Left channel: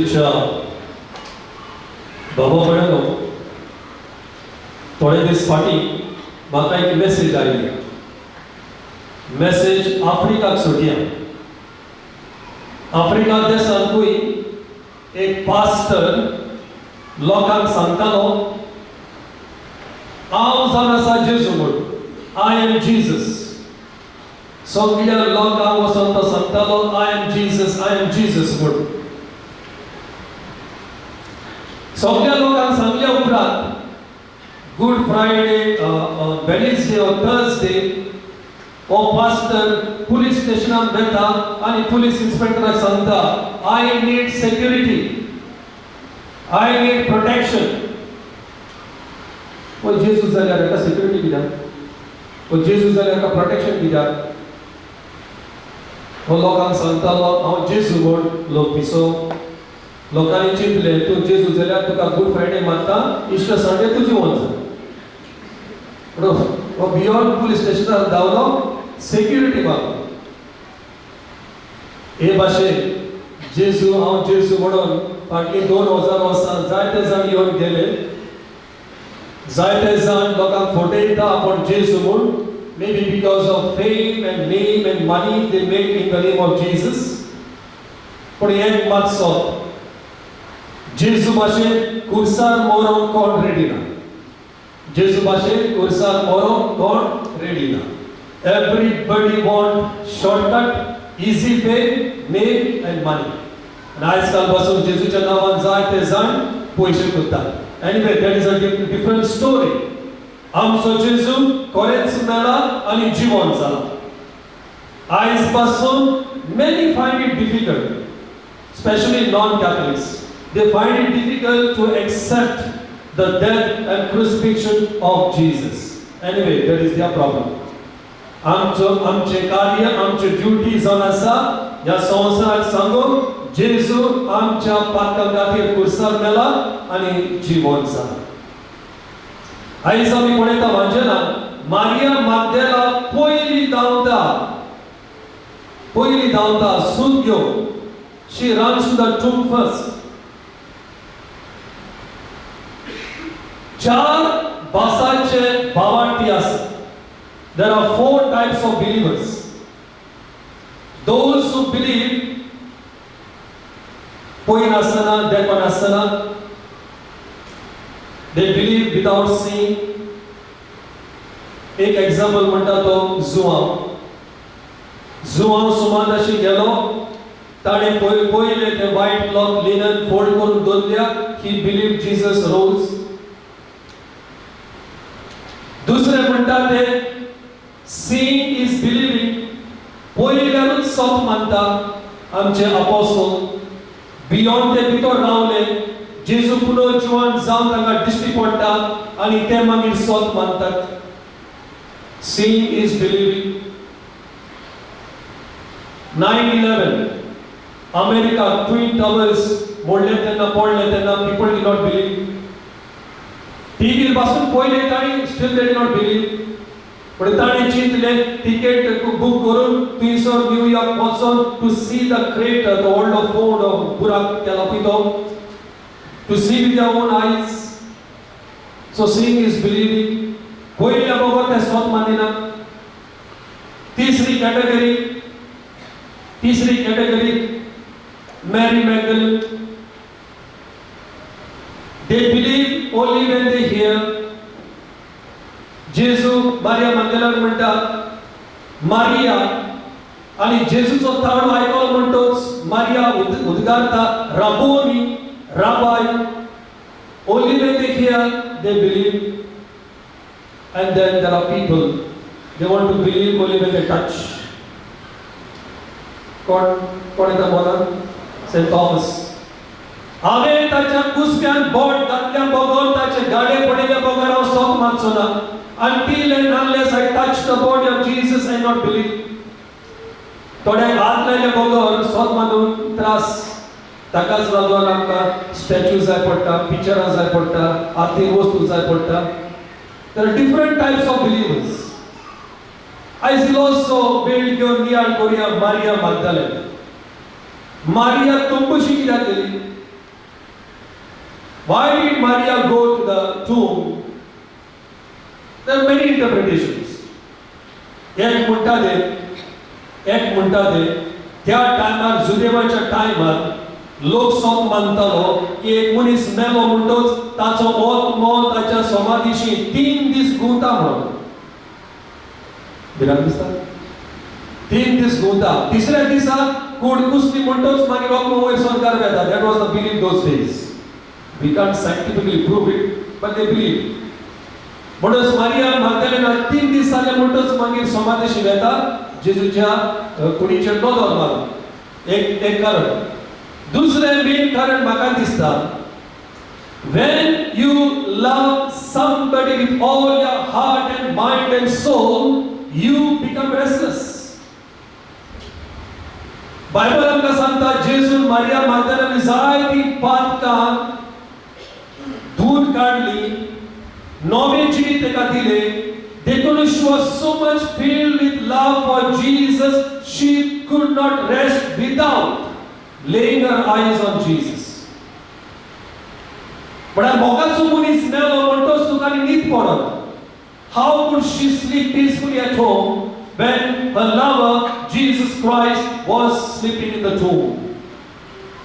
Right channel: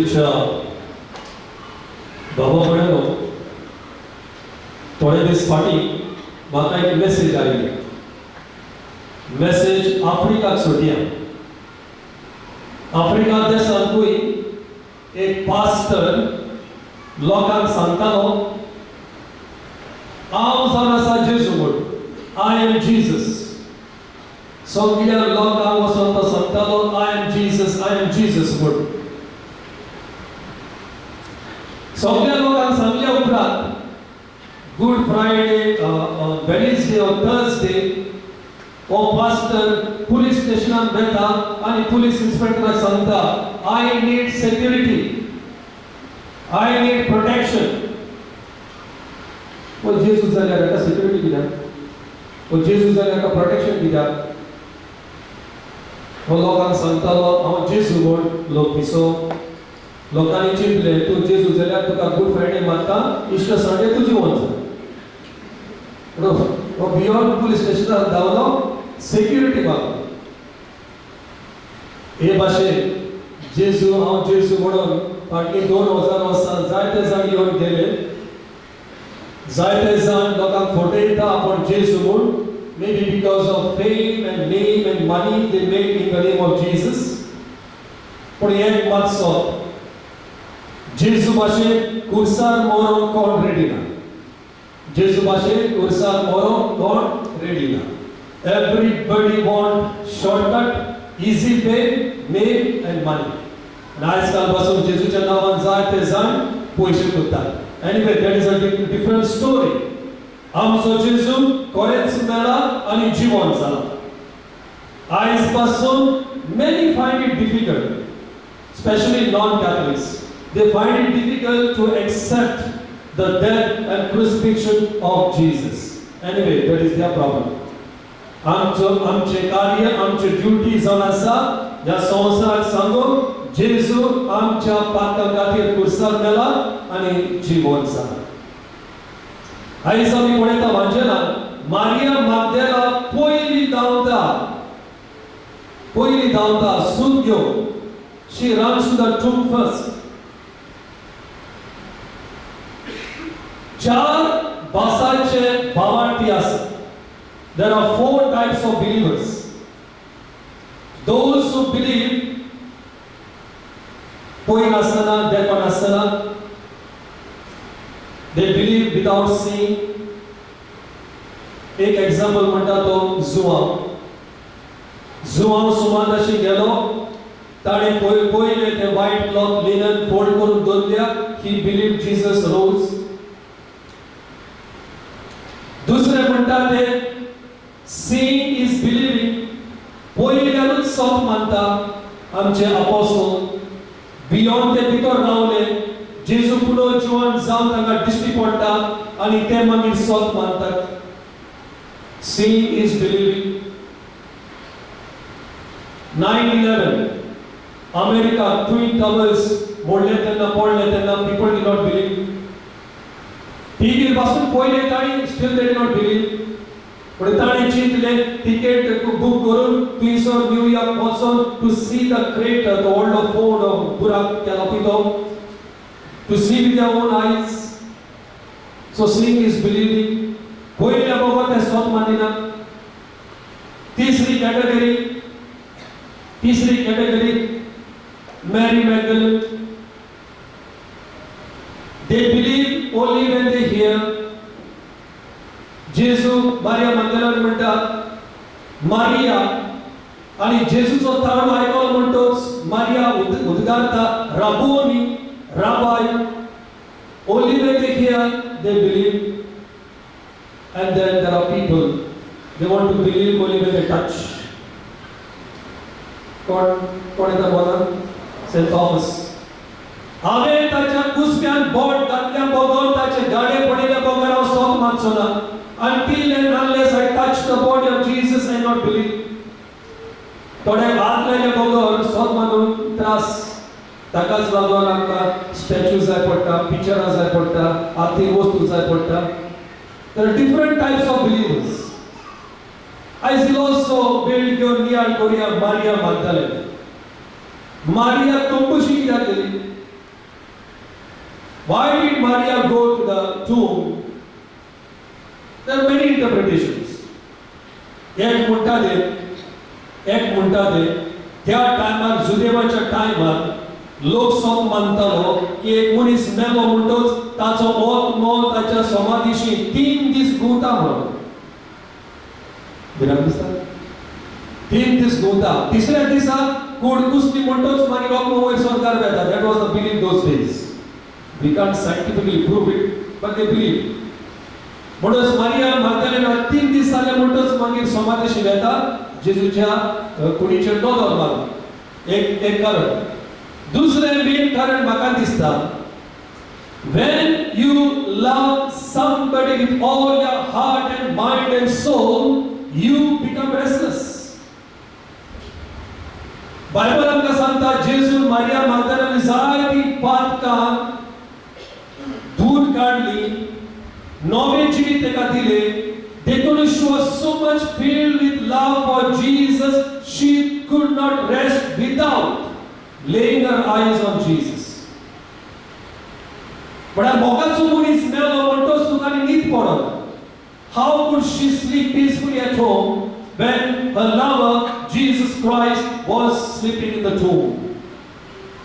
जेजूच्या बाबा म्हणलो थोडे दीस फाटी म्हाका एक मेसेज आयली. मेसेज आफ्रिकाक सोडया. आफ्रिका देशांतूय एक पास्टर लोकांक सांगतालो हांव जावन आसा जेजू म्हणून. I am Jesus. सगळ्या लोकांक वचून तो सांगतालो आय एम जीसस म्हणून. सगळ्या लोकांक सांगल्या उपरांत गुड फ्रायडे, वेडनेसडे और थर्सडे हो पास्टर पुलीस स्टेशनात वेता आनी पुलीस इन्स्पेक्टराक सांगता I need security, I need protection. वो जेजू जाल्यार एका सेक्युरिटी कित्याक? वो जेजू जाल्यार एका प्रोटेक्शन कित्याक? हो लोकांक सांगतालो हांव जेजू म्हूण. लोक पिसो लोकांनी चिंतले तूं जेजू जाल्यार तुका गुड फ्रायडे मारता, इश्टर संडे तुजी वच. हो बियॉन्ड पुलीस स्टेशनार धांवलो सेक्युरिटी मागलो. हे भाशेन जेजू हांव जेजू म्हणून फाटलीं 2000 वर्सां जायते जाण येवन गेले. जायते जाण लोकांक फटयता आपण जेजू म्हूण. Maybe because of fame and name and money they make in the name of Jesus. पण एक मात सोद जेजू भाशेन कुर्सार मोरोंक कोण रेडी ना. जेजू भाशेन कुर्सार मोरोंक कोण रेडी ना. Everybody want shortcut, easy fame, name and money. And आजकाल पासून जेजूच्या नांवान जायते जाण पयशे करतात. Anyway, that is a different story. आमचो जेजू खरेंच मेला आनी जिवंत जाला. आयज पासून many find it difficult, especially non-Catholics. They find it difficult to accept the death and crucifixion of Jesus. Anyway, that is their problem. आमचे कार्य, आमचे ड्युटी जावन आसा ह्या संवसाराक सांगून जेजू आमच्या पातकां खातीर कुर्सार मेला आनी जिवंत जाला. आयज आमी पळयता वांचनांत मारिया मागदलेला पयली धांवता सूत घेवन. She runs to the tomb first. 4 भासाचे भावार्थी आसात. There are 4 types of believers. Those who believe पळयन आसतना, देखून आसतना, they believe without seeing. एक एग्जांपल म्हणटा तो जुवांव सुमाराशी गेलो. ताणें पयले ते व्हाईट क्लॉथ लिनन फोल्ड करून दवरल्या. ही बिलीव्ड जीसस रोज. दुसरे म्हणटा ते सीइंग इज बिलीविंग. पयल्यारूच सोत मानता. आमचे अपोस्टल बियॉन्ड ते भितर रावले. जेजू पुनर्जीवन जावन तांकां दिश्टी पडटा आनी ते मागीर सोत मानतात. Seeing is believing. 9/11 America twin towers मोडले तेन्ना पडले तेन्ना पीपल डिड नॉट बिलीव. टीव्हीर पासून पयले ताणी still they did not believe. पण ताणी चिंतले तिकेट बूक करून थंयसर न्यूयॉर्क वचून to see the crater, the व्हडलो फोंड बुराक केला पळय तो, to see with their own eyes. So seeing is believing. पयल्या बरोबर ते सोत मानिना. तीसरी category Mary Magdalene. They believe only when they hear. जेजू मारिया मंदिरान म्हणटा मारिया आनी जेजूचो ताळो आयकलो म्हणटोच Maria उद्गारता राबोनी, Rabbi. Only when they hear, they believe. And then there are people, they want to believe only when they touch. कोण येता बोला? St. Thomas. हांवें ताच्या कुसक्यान boat घातल्या बगोन ताचे गाडे पडिल्ले बगोन हांव सोत मानचो ना. Until and unless I touch the body of Jesus, I not believe. थोड्याक हात लायले बगोन सोत मानून त्रास. ताकाच लागून आमकां स्टॅच्यू जाय पडटा, पिक्चरां जाय पडटा, आर्थीक वस्तू जाय पडटा. There are different types of believers. I will also build your near Korea Maria Magdalene. Maria तोंबुशी कित्याक गेली? Why did Maria go to the tomb? There are many interpretations. एक म्हणटा ते त्या टायमार जुदेवाच्या टायमार लोक सोम मानतालो की एक मनीस मेलो म्हणटोच ताचो मोत ताच्या समाधीशी 3 दीस गुंता म्हणून. बिराम दिसता 3 दीस गुंता. तिसऱ्या दिसा कूड कुसली म्हणटोच मागीर रोखलो वयर स्वर्गार वेता. That was the belief those days. We can't scientifically prove it, but they believe. म्हणटोच Maria मागदलेना 3 दीस जाले म्हणटोच मागीर समाधीशी वेता जेजूच्या कुडीचेर दोदोल मारून. एक कारण. दुसरें मेन कारण म्हाका दिसता, when you love somebody with all your heart and mind and soul, you become restless. Bible आमकां सांगता जेजून मारिया मागदलेनी जायती पातकां दूध काडली, नवे जीवित तेका दिले. Because she was so much filled with love for Jesus, she could not rest without laying her eyes on Jesus. But a mogacho munis melo montos tukani न्हीद पडना. How could she sleep peacefully at home when her lover Jesus Christ was sleeping in the tomb?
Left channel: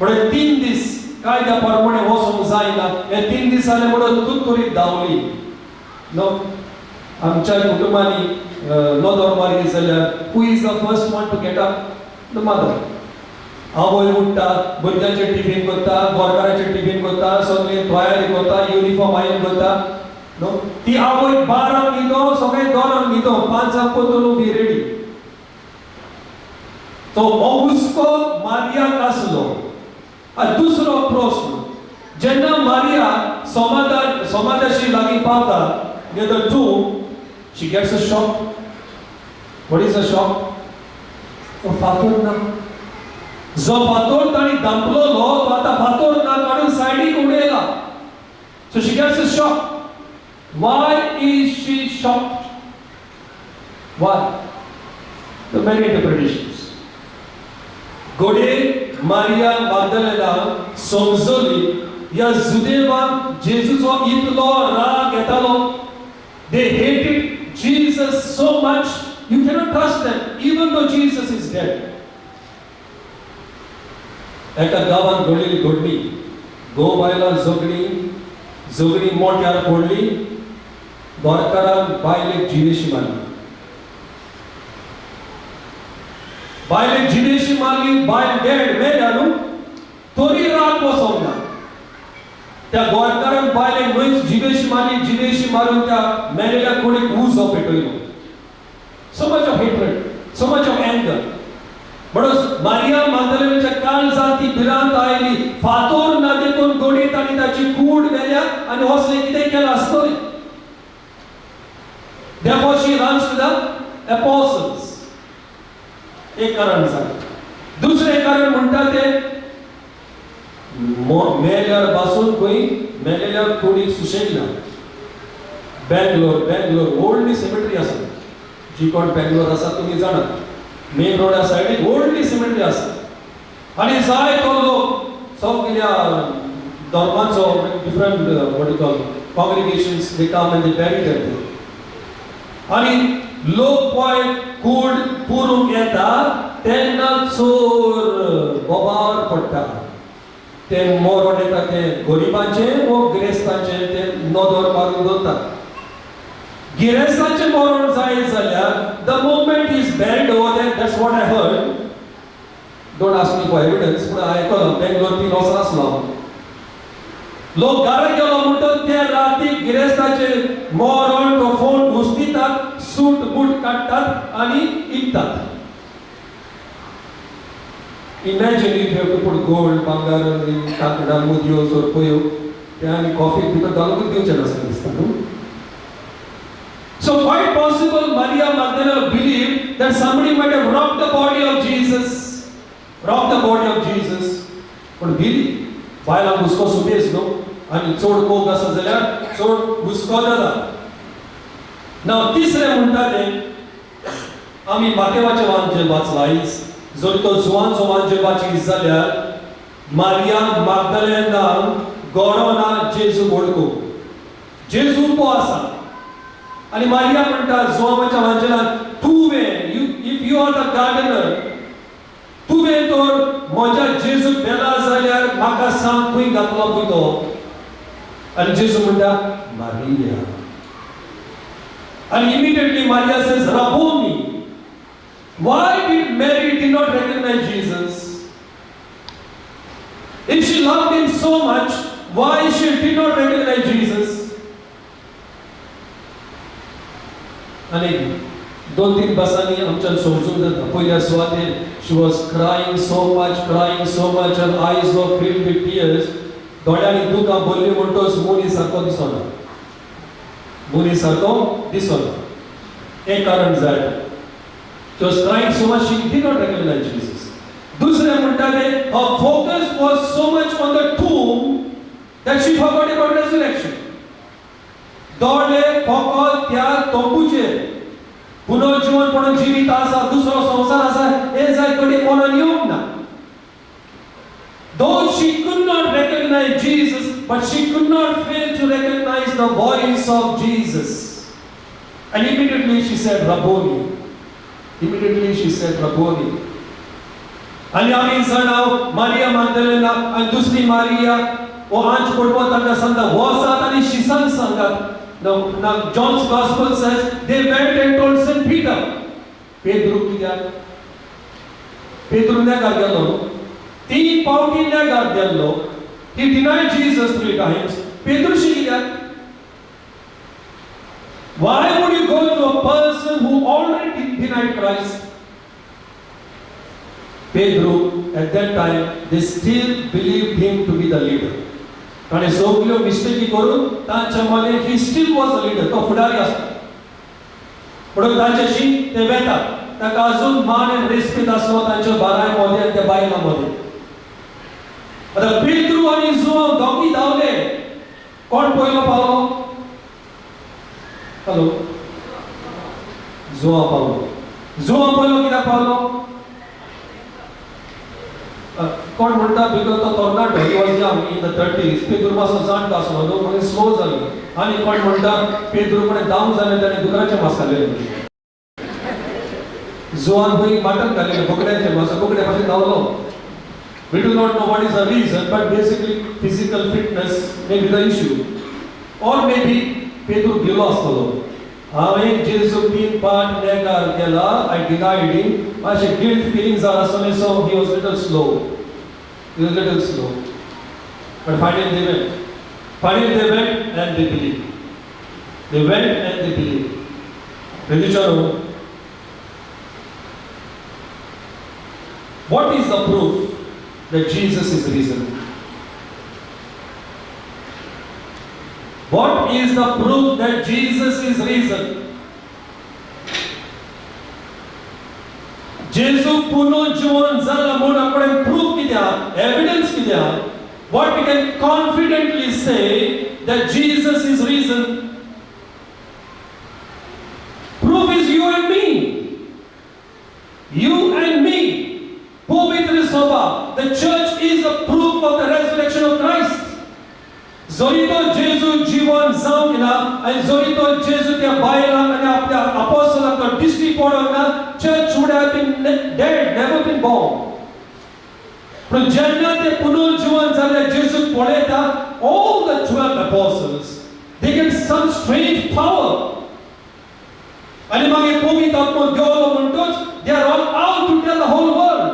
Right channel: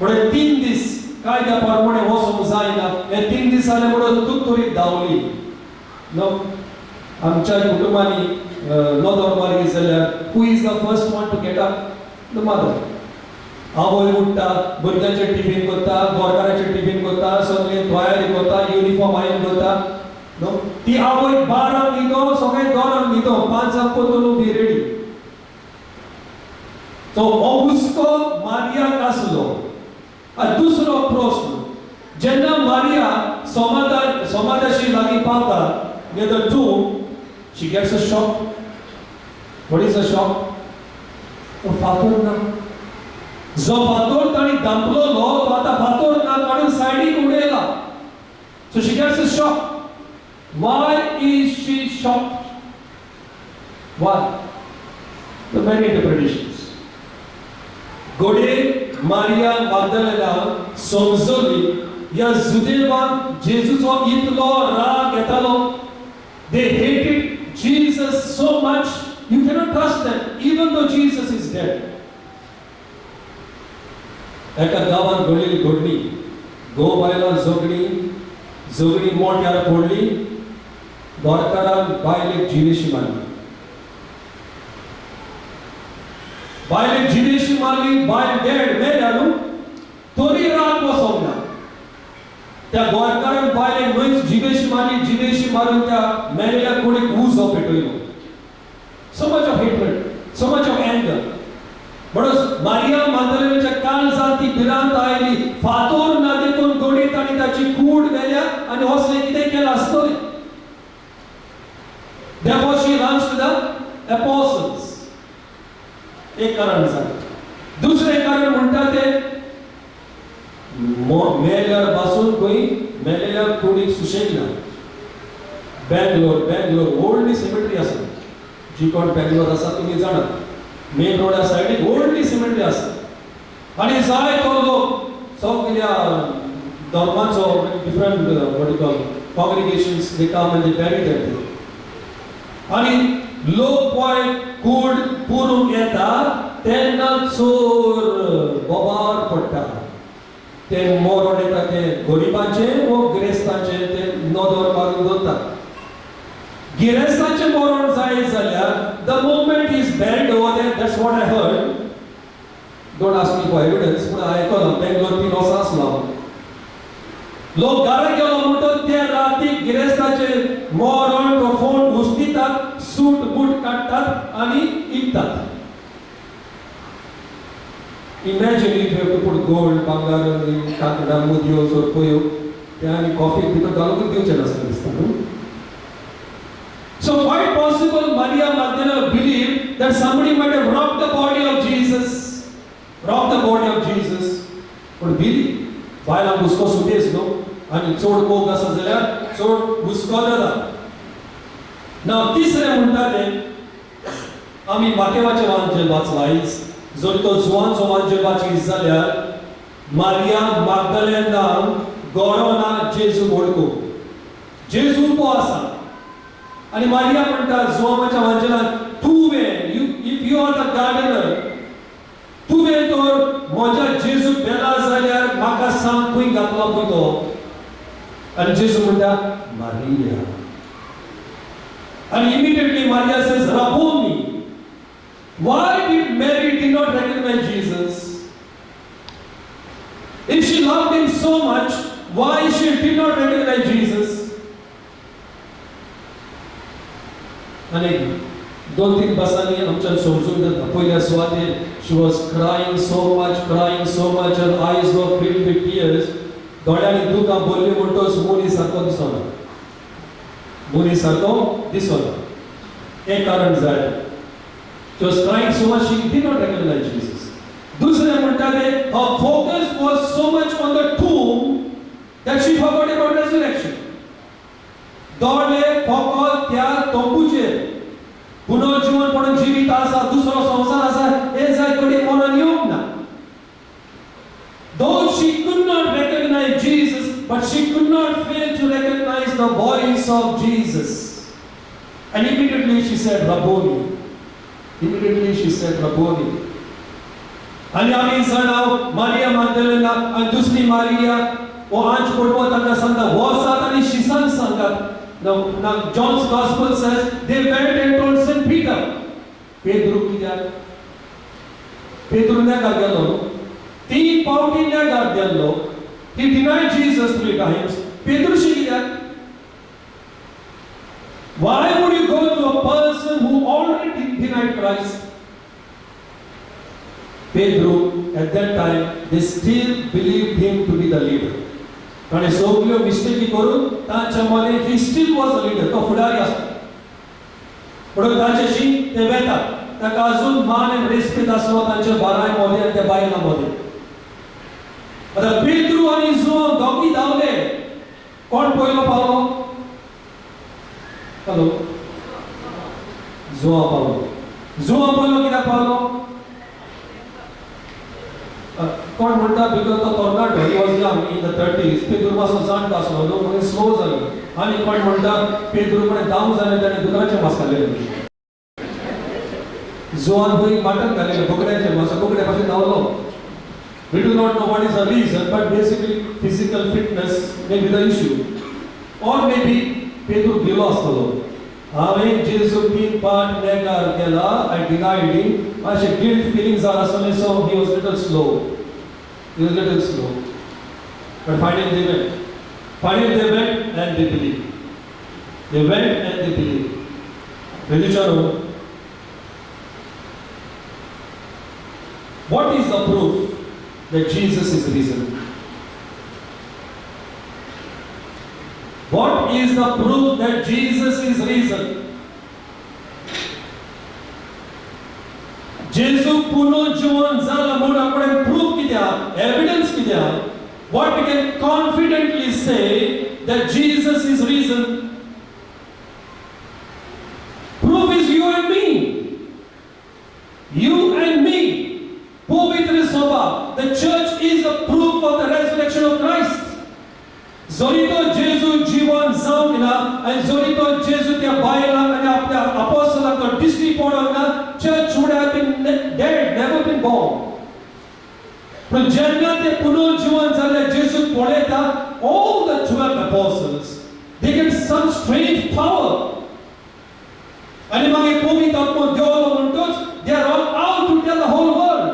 But 3 दीस कायद्या प्रमाणे वचूंक जायना. हे 3 दीस जाले म्हणून तुतुरीत धांवली. No आमच्या कुटुंबांनी नोदोर मारली जाल्यार who is the first one to get up? The mother. आवय उठता, भुरग्यांचे टिफिन करता, गोरकाराचे टिफिन करता, सगळे तयारी करता, युनिफॉर्म आयन करता. नो ती आवय 12 न्हिदो, सगळे 2 न्हिदो, 5 पतलो बी रेडी. तो हुस्को मारियाक आसलो. दुसरो प्रश्न, जेन्ना मारिया समाधाशी लागीं पावता near the tomb, she gets a shock. What is a shock? तो फातर ना. जो फातर ताणी दांपलोलो तो आतां फातर ना काडून सायडीक उडयला. So she gets a shock. Why is she shocked? Why? There are many interpretations. गोडे मारिया मागदलेना समजली या जुदेवाक जेजूचो इतलो राग येतालो. They hated Jesus so much, you cannot trust them, even though Jesus is dead. एका गावात घडलेली घडणी. गो बायला झगडी मोठ्यार पडली. गोरकारान बायलेक जिवेशी मारली. बायलेक जिवेशी मारली. बायल डेड मेल्यारू तोरी राग वचोंक ना. त्या गोरकारान बायलेक न्हयच जिवेशी मारून त्या मेलेल्या कुडीक उजो पेटयलो. So much of hatred, so much of anger. म्हणून मारिया मागदलेनीच्या काळजांत ती भिरांत आयली. फातर ना देखून गोडी ताणी ताची कूड व्हेल्या आनी असलें कितें केलां आसतलें. Therefore she runs to the apostles. एक कारण जालें. दुसरें कारण म्हणटा तें मेल्यार बासून खंय मेलेल्या कुडीक सुशेग ना. बेंगलोर व्हडली सिमेट्री आसा. जी कोण बेंगलोर आसा तुमी जाणात. मेन रोडा सायडीक व्हडली सिमेट्री आसा. आनी जायतो लोक सगळ्या धर्माचो different what you call congregations they come and they bury them there. आनी लोक पळय कूड पुरूंक येता तेन्ना चोर बोबार पडटा. ते मोरोड येता ते गरिबांचे वो गिरेस्तांचे ते नोदोर मारून दवरतात. गिरेस्तांचे मोरोड जायत जाल्यार the moment he is buried over there, that's what I heard. Don't ask me for evidence, but I आयकलो Bangalore ती वचून आसलो. लोक घरा गेलो म्हणटच त्या रातीक गिरेस्तांचे मोरोड तो फोन घुसदितात, सूट बूट काडटात आनी इकतात. Imagine if you have to put gold, bangar, Kankra, मुदियोस और कोयो, त्या आनी कॉफी भितर घालून दिवचें नासलें दिसता न्हू. So quite possible Maria Magdalene believed that somebody might have robbed the body of Jesus. But believe, बायलां हुस्को सुबेज न्हू आनी चड मोग आसा जाल्यार चड हुस्को जाता. ना तिसरें म्हणटा तें आमी मातेवाचें वांजेल वाचलां आयज. जर तो जुवानचो वांजेल वाचीत जाल्यार मारिया मागदलेनान गॉडोना जेजू बोडको जेजू पो आसा आणि मारिया म्हणटा जोमाच्या वांजलान तुवे if you are the gardener तुवे तर म्हज्या जेजू बेला जाल्यार म्हाका सांग खंय घातलो पळय तो आणि जेजू म्हणटा Maria and immediately Maria says Rabboni. Why did Mary did not recognize Jesus? If she loved him so much, why she did not recognize Jesus? आणि दोन तीन बसांनी आमच्यान समजून जाता पयल्या सुवातेर she was crying so much her eyes were filled with tears दोळ्यांनी दुकां भरली म्हणटोच मुनी सारको दिसना मुनी सारको दिसना एक कारण जाय she was crying so much she did not recognize Jesus. दुसरे म्हणटाले her focus was so much on the tomb that she forgot about resurrection. दोळे फकत त्या तोंबूचेर पुनर्जीवनपण जिवीत आसा दुसरो संसार आसा हे जाय कडेन कोणान येवंक ना. Though she could not recognize Jesus, but she could not fail to recognize the voice of Jesus. And immediately she said, Rabboni. Immediately she said, Rabboni. आणि आम्ही जाणाव मारिया मागदलेना आणि दुसरी मारिया ओ आंच पडवो ताका सांगता वसात आणि शिसान सांगात. Now John's Gospel says they went and told Saint Peter. Pedro कित्याक? Pedro ने काय केलो? तीन पावटी ने काय केलो? He denied Jesus 3 times. Pedro कित्याक? Why would you go to a person who already denied Christ? Pedro, at that time, they still believed him to be the leader. आणि सगळ्यो मिस्टेकी करून तांच्या मने he still was the leader. तो फुडारी असता. पण तांच्याशी ते वेतात. ताका अजून मान आणि रिस्पेक्ट आसलो तांच्या बारायमध्ये आणि त्या बायलांमध्ये. आता पेद्रू आणि जुआंव दोगी धांवले. कोण पयलो पावलो? हॅलो जुआंव पावलो. जुआंव पयलो कित्याक पावलो? कोण म्हणटा बिकॉज तो तरणाटो he was young in the 30s पेद्रू मातसो जाणटो आसलो न्हू म्हणून स्लो जालो. आनी कोण म्हणटा पेद्रू कडेन दाम जालें ताणें दुकराचें मांस खाल्लें. जुआन खंय मटण खाल्लें बोकड्याचें मांस बोकड्या पासून धांवलो. We do not know what is the reason, but basically physical fitness may be the issue. Or maybe पेद्रू भिलो आसतलो. हांवें जेजू तीन पाट नेकार केला, I denied him. मातशे गिल्ट फीलिंग्स आर आसले, so he was little slow. He was little slow. But finally they went. Finally they went and they believed. They went and they believed. Religion. What is the proof that Jesus is risen? What is the proof that Jesus is risen? जेजू पुनर्जीवन जाला म्हणून आपण proof कित्याक? Evidence कित्याक? What we can confidently say that Jesus is risen? Proof is you and me. You and me. Povitra Soba. The church is a proof of the resurrection of Christ. जरी तो जेजू जीवन जावंक ना आनी जरी तो जेजू त्या बायलांक आनी आपल्या अपोस्टलांक तो दिश्टी पडोंक ना, church would have been dead, never been born. पण जेन्ना ते पुनर्जीवन जाल्ले जेजूक पळयता, all the 12 apostles, they get some strange power. आनी मागीर पवित्र आत्मा देवलो म्हणटोच they are all out to tell the whole world.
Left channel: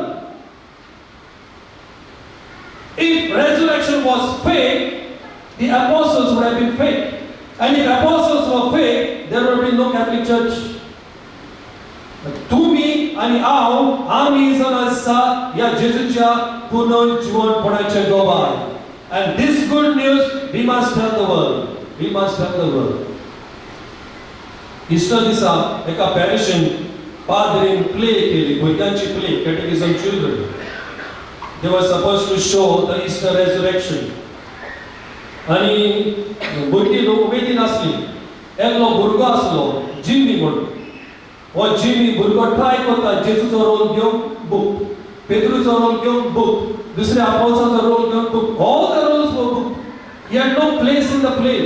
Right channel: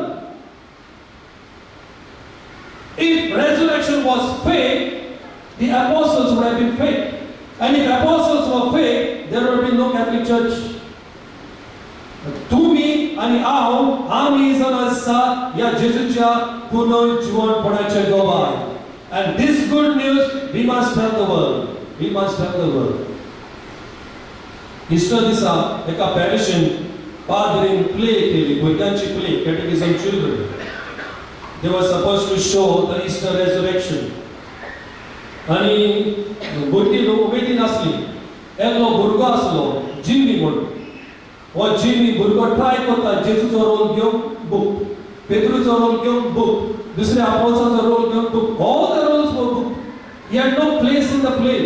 If resurrection was fake, the apostles would have been fake. And if apostles were fake, there would be no Catholic Church. तुम्ही आणि आम्ही जण आसा या जेजूच्या पुनर्जीवनपणाचे गवाय. And this good news we must tell the world. We must tell the world. Easter दिसा एका पॅरिशन पाद्रीन play केली, भुरग्यांची play, Catechism children. They were supposed to show the Easter resurrection. आणि भुरगीं लोक उमेदीन आसली. एकलो भुरगो आसलो जिमी म्हणून. हो जिमी भुरगो ट्राय करता जेजूचो रोल घेवंक बूक, पेद्रूचो रोल घेवंक बूक, दुसऱ्या अपोस्टलाचो रोल घेवंक बूक. ऑल द रोल्स वर बूक. He had no place in the play.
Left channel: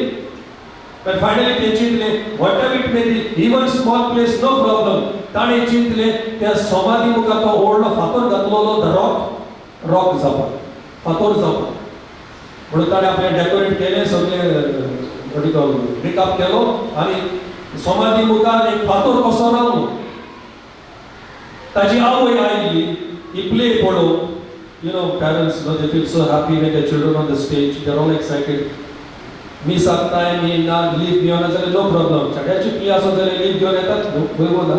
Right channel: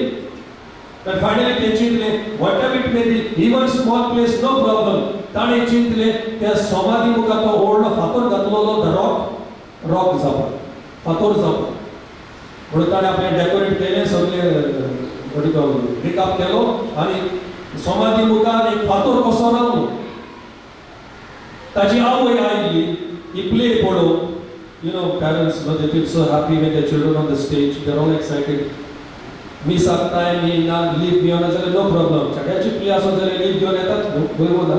But finally they चिंतले, whatever it may be, even small place, no problem. ताणे चिंतले, त्या समाधी मुखार तो ओल्ड फातर घातलेलो the rock जावप, फातर जावप. म्हणून ताणे आपले डेकोरेट केले सगळे रिकाप केलो आणि समाधी मुखार एक फातर कसो रावलो. ताची आवय आयली, ही play पळोवन, parents, they feel so happy when their children on the stage, they're all excited. मी सांगताय मी ना लीव घेऊन जाल्यार नो प्रॉब्लेम. चड्याची प्ले आसो जाल्यार लीव घेऊन येतात बरोबर ना,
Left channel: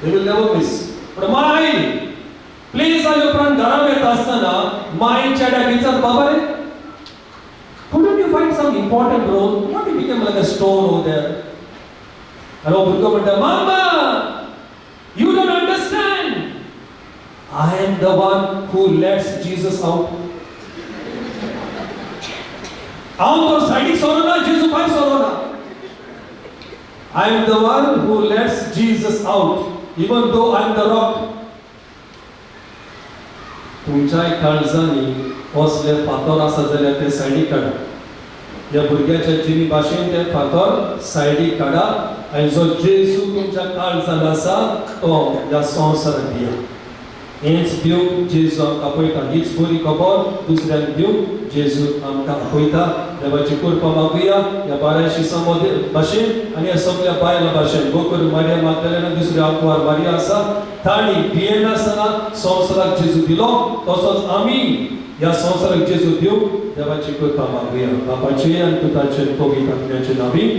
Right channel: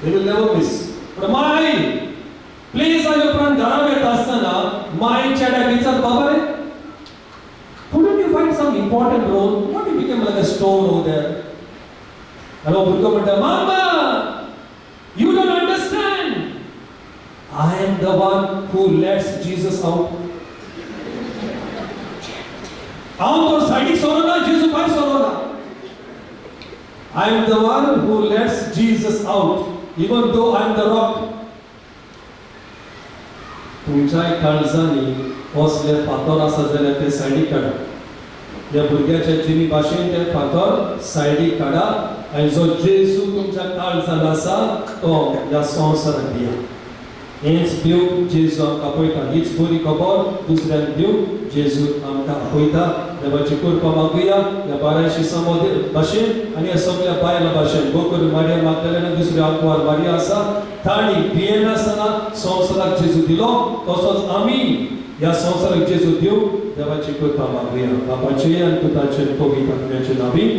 they will never miss. पण माय प्लीज आयो उपरांत घरा येता आसतना माय चड्याक विचारता, बाबा रे, couldn't you find some important role? What if became like a stone over there? And भुरगो म्हणटा, mama, you don't understand. I am the one who lets Jesus out. हांव तो सायडीक सरोना, जेजू भायर Sarona. I am the one who lets Jesus out, even though I am the rock. तुमच्या काळजांनी असले फातर आसा जाल्यार ते सायडीक काडा. ह्या भुरग्याच्या जिणी भाशेन ते फातर सायडीक काडा आनी जो जेजू तुमच्या काळजांत आसा तो ह्या संवसाराक दिया. हेंच दिवंक जेजू आमकां आपयता. हीच बरी खबर दुसऱ्यांक दिवंक जेजू आमकां आपयता. देवाची कृपा मागुया ह्या बारायशी भाशेन आनी ह्या सगळ्या बायलां भाशेन. गोकर मारिया मागदलेन दुसरी आंकवार मारिया आसा, ताणी भियेनासतना संवसाराक जेजू दिलो, तसोच आमी ह्या संवसाराक जेजू दिवंक देवाची कृपा मागुया. बापाचे आनी पुताचे पवित्र आत्म्याचे नांवान.